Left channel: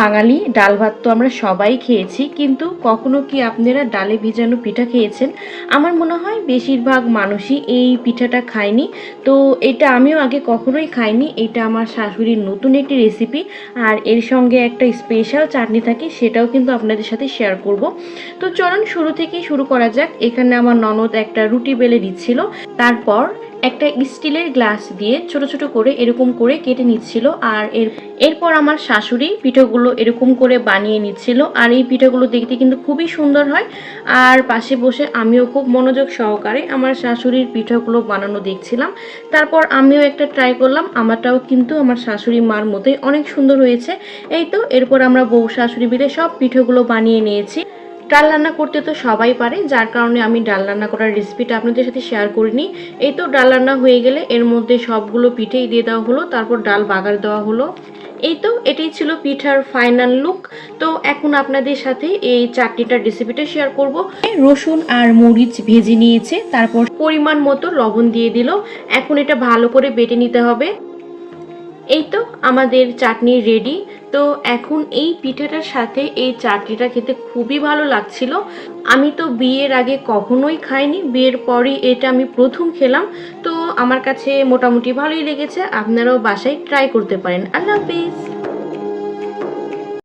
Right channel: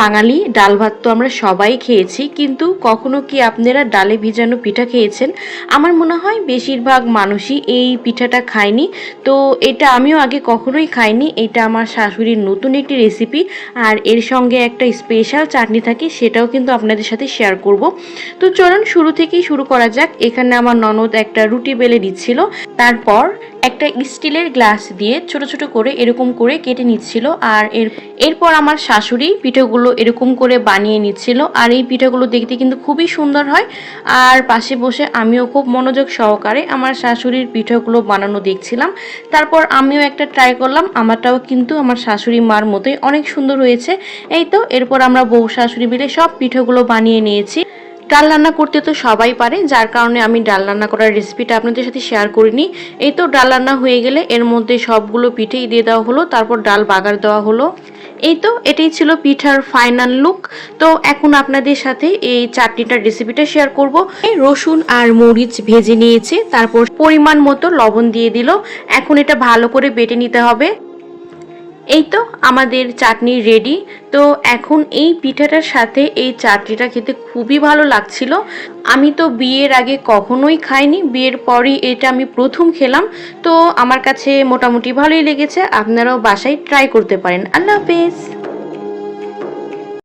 বাঙালি, ডাল ভাত তো আমরা সবাই খেয়েছি, কিন্তু কখনো কি আপনারা ডালে ভিজানো পিঠা খেয়েছেন? আমার মনে হয় বেশিরভাগ মানুষই এই পিঠাটা খায়নি। তো এটা আমিও আগে কখনোই খাইনি। এটা আমার শাশুড়ির নতুন একটি রেসিপি, আর এর সঙ্গে একটা স্পেশাল চাটনি থাকে, সেটাও কিন্তু আপনাদের সাথে শেয়ার করব। তো চলুন শুরু থেকেই শুরু করা যাক। এখানে আমার ননদ একটা রুটি বেলে দিচ্ছিল, তারপর একটা স্টিলের গ্লাস দিয়ে ছোট ছোট করে এরকম করে কেটে নিচ্ছিল। আর এরপর আমার শাশুড়ি পিঠাগুলো এরকম করে বানিয়ে নিচ্ছিল। আর এই পিঠাগুলো দেখতে কিন্তু খুবই সুন্দর হয়। আর পাশে বসে আমিও খুব মনোযোগ সহকারে আমার শাশুড়ির পিঠাগুলো বানানো দেখছিলাম। তারপর আমিও একটা ট্রাই করলাম, আমারটাও কিন্তু আমার শাশুড়ি মার মতোই অনেক সুন্দর হয়েছে। এই তো এরপর আমরা বউ শাশুড়ি মিলে সব পিঠাগুলো বানিয়ে নিয়েছি। ডাল রান্না করতে তো সবাই পারে, যার কারণে আমি ডাল রান্না করার রেসিপিটা আপনাদের সাথে শেয়ার করিনি। এই তো ডাল রান্না হয়ে গেলে এর মধ্যে সবগুলো পিঠেই দিয়ে দেওয়া হলো, তারপর ডাল বাগার দেওয়া হলো। এই তো এটাই ছিল পিঠার ফাইনাল লুক। তো এখন আপনাদের সাথে এই চাটনিটার রেসিপিটা শেয়ার করব। রসুন আর মরিচ ভেজে নিয়েছে, তারপর পরিমাণ মতো লবণ দিয়ে দিল। এখন এটা ভালো করে বেটে নিতে হবে। এই তো আমাদের চাটনি রেডি। তো এখন এই পিঠাটার সাথে এই চাটনিটা খেতে খুবই ভালো লাগছিল। আমি তো বিয়ের আগে কখনোই খাইনি, বিয়ের পরই এটা আমি প্রথম খেলাম। তো আমার কাছে মোটামুটি ভালোই লেগেছে। আপনারাও বাসায় ট্রাই করতে পারেন। আল্লাহ হাফেজ।